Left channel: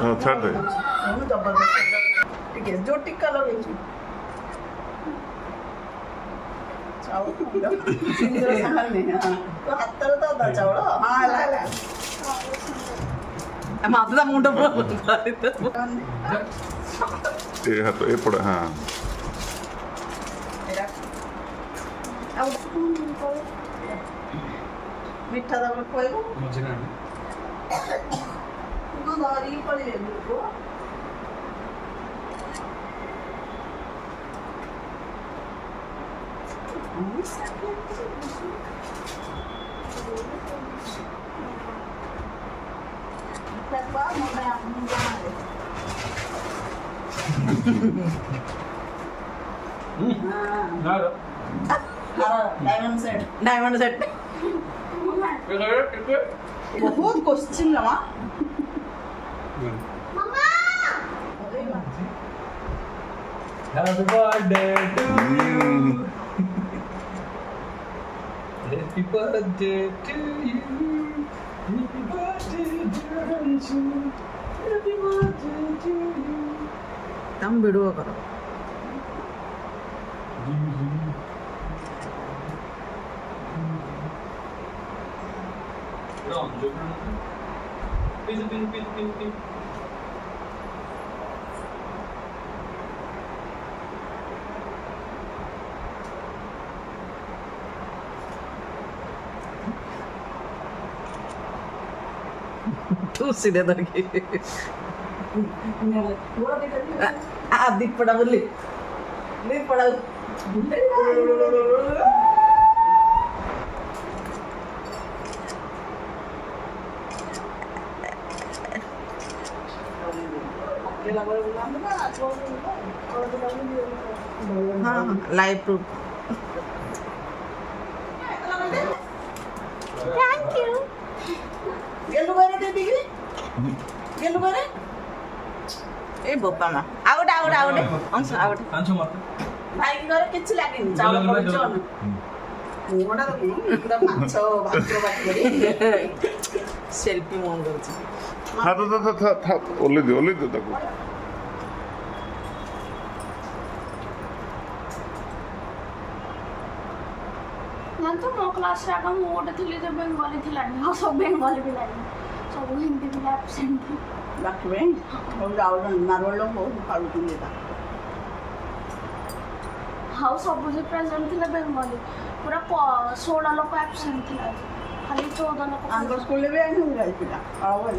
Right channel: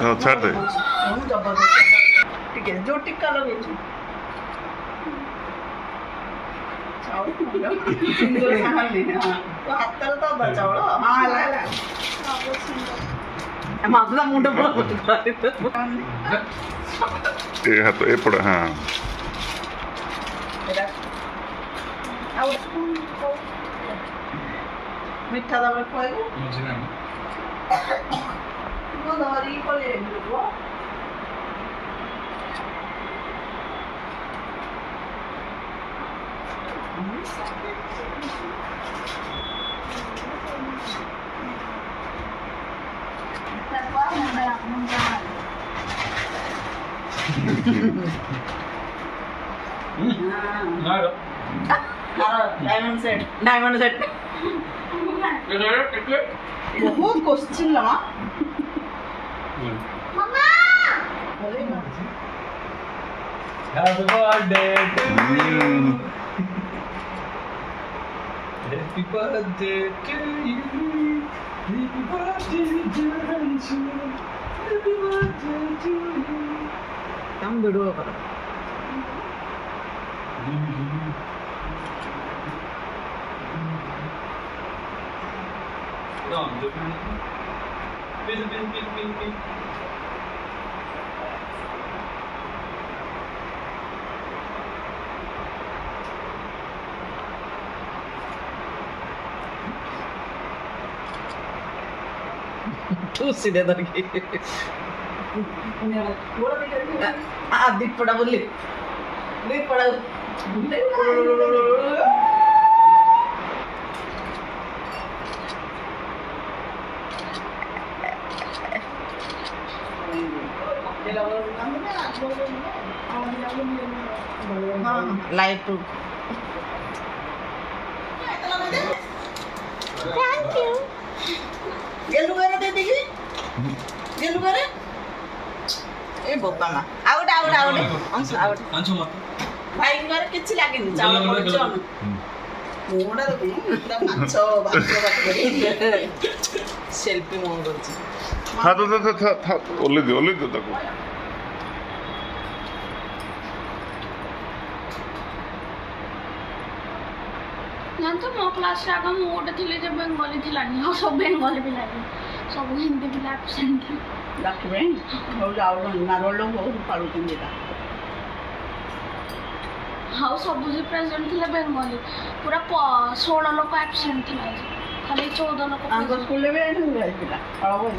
हाँ छाड़ दे ठीक है जो टिक्का लगे छु चावल सिंदूर साहल नहीं हां तो हाथ तर तो दा चावल हां ला माता मुंड पर ये हाथ ये पड़ा हाँ मिठा दबे खोएगो मुझे ना को दरी पड़े को डायमंड सेट बहुत question Lama Happy birthday to you. Happy birthday to you. Happy birthday dear Anju. Happy birthday to you. तुम वीडियो करो Pin. तू सीधे धर के दिख पड़ा बोली दिख पड़ा लाइट टू थैंक यू गेलु करे दे दिगी गेलु करे ए बोपा मा आउट अंश आउट Anju mata. भाई करे किछि लागेनी चावल पड़े चन मोडा रो पूरा माछ बात करी सेल्फी मोन करछि हाँ था ओले दे ताको ना तो मो क्लास रे आगम मोटे थिले जे बेंगली थिलानी हो सब बेंगली पिलानी सब हिंदी पिला एब्सेंट थी डाकबे हो आउट मारवलो हो पालु दिंदा हाउ सब जे प्रेजेंट थिले बेंगली पूरा 16 लोग एब्सेंट थिला खाली 14 लोग आंग स्कूल ले आइन जाई पिला पळाबो है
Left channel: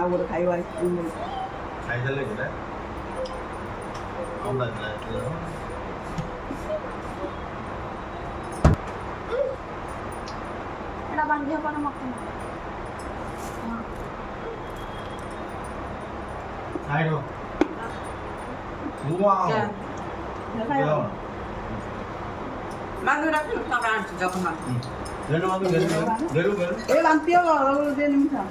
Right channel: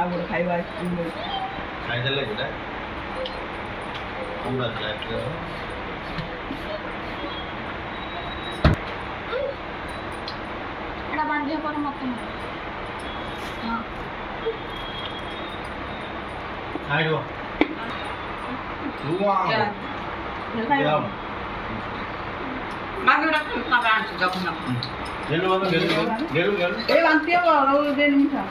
आउर खाइबा खाई देले जेटा कम बात है एड़ा बांधिया पर मत हां आइडो वाओ मागु रख ना कांच जखना गेरु ए बांतिया वो दे Nimisha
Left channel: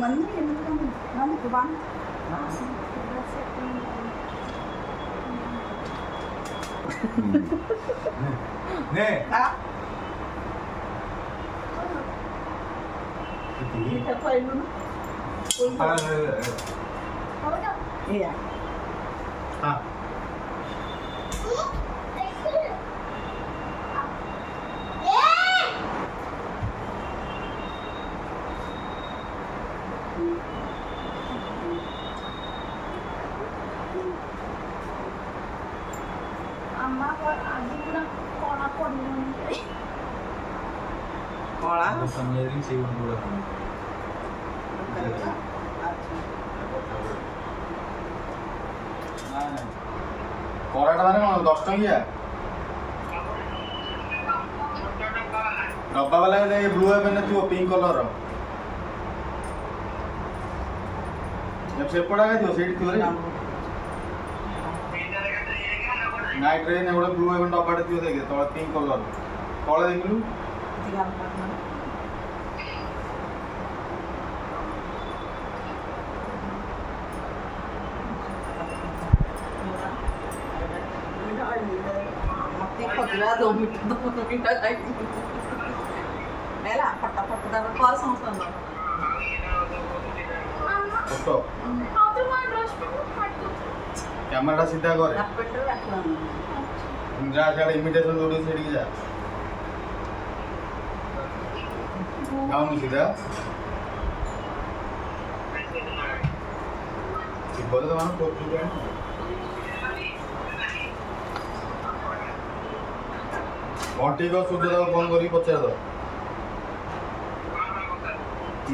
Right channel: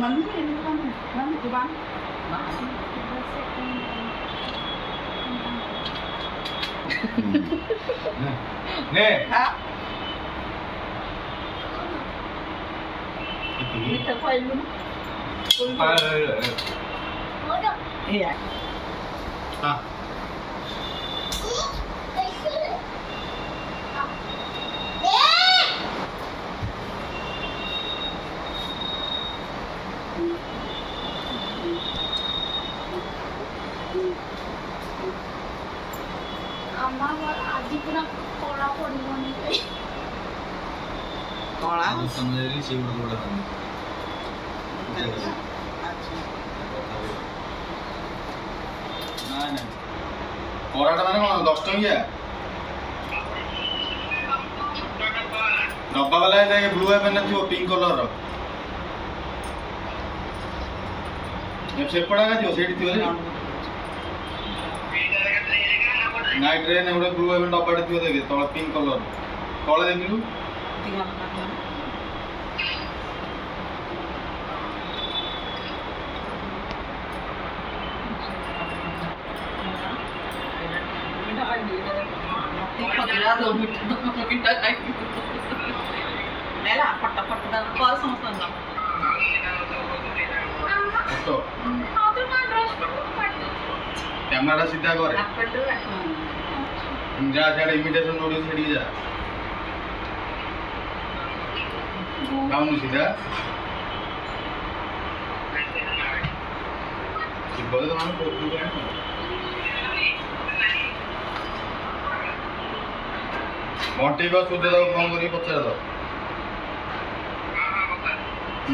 mình nó của bắn nè đó đi tập quay luôn iya ah कला समझेगी से बड़ा खाने ना कोराटा माने 10 टंकिया डब्बा वाला है ब्लू है पहनना थी पिंक कलर रो जब से पड़ा का जो सेट थी वाले नाइट ट्रेन है ब्लू है डब्बा थी देखे तो पिंक कलर କଳ ଦେଖିଲୁ ଏତିକି ହାଲକା କର। ମିଠା ଖାଇବି ମତେ ଖଜୁରା ଦो ମିଠା ଖାଇବି ନେଲା ଫଟାଫଟ ତାକୁ କର ସମସ୍ତଙ୍କ ଫଟୋ हाँ तो मैं ड्रेस पहन କ୍ୟାମେରାଟା ସିଧା କରେ ହାଫ୍ ପ୍ୟାଣ୍ଟରେ ରାଖିବାନି ଯା ସିଆଡ଼େ ଇମିଟେସନ୍ ଯୋଉଠି ସେଠିକି ଯା ଯାଉନୁ ସିଧା ଥିବ ତ ତମର ପୋଖରୀ ଘଣ୍ଟିକ ସୂର୍ଯ୍ୟଦେବ ଫୋନ୍ କରିକି ପଚାର ତ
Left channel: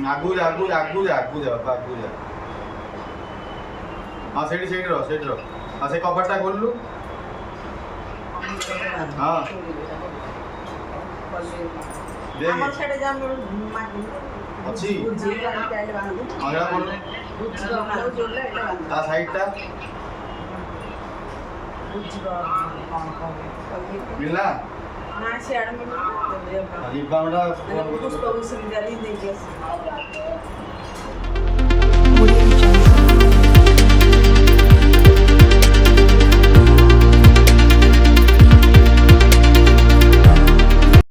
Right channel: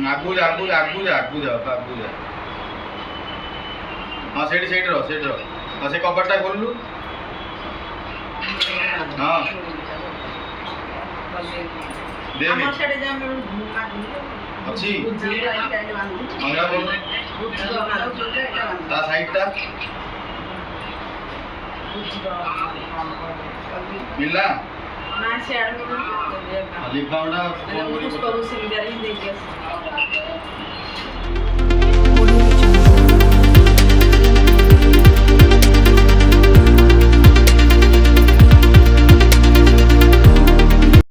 ଆଗକୁ ଯା ଆଗକୁ ଯା ଆଗକୁ ଯା ଆଗକୁ ଯା ଆଗକୁ ଯା ହଁ ସେଇଠି ରହ ହଁ ସେ କବାଟଟା ଖୋଲିଲୁ ହଁ ଦେଖ ଆମର ସେଠି ଯାଉ ଅଛି ବୁଝିକି ଟାଇଲ ବାନ୍ଧି ହଁ ସେଇଟା ଖୋଲୁ ତା ସାଇଡ଼ଟା ମିଳିଲା ନା ସିଆଡ଼େ ଲିପ୍ ବାମ୍ଟା ଫୋନ୍ ପୁଷ୍ପ କରିକି ସିଙ୍ଗିଦାର ହିଁ ଦେଇକି ଆସି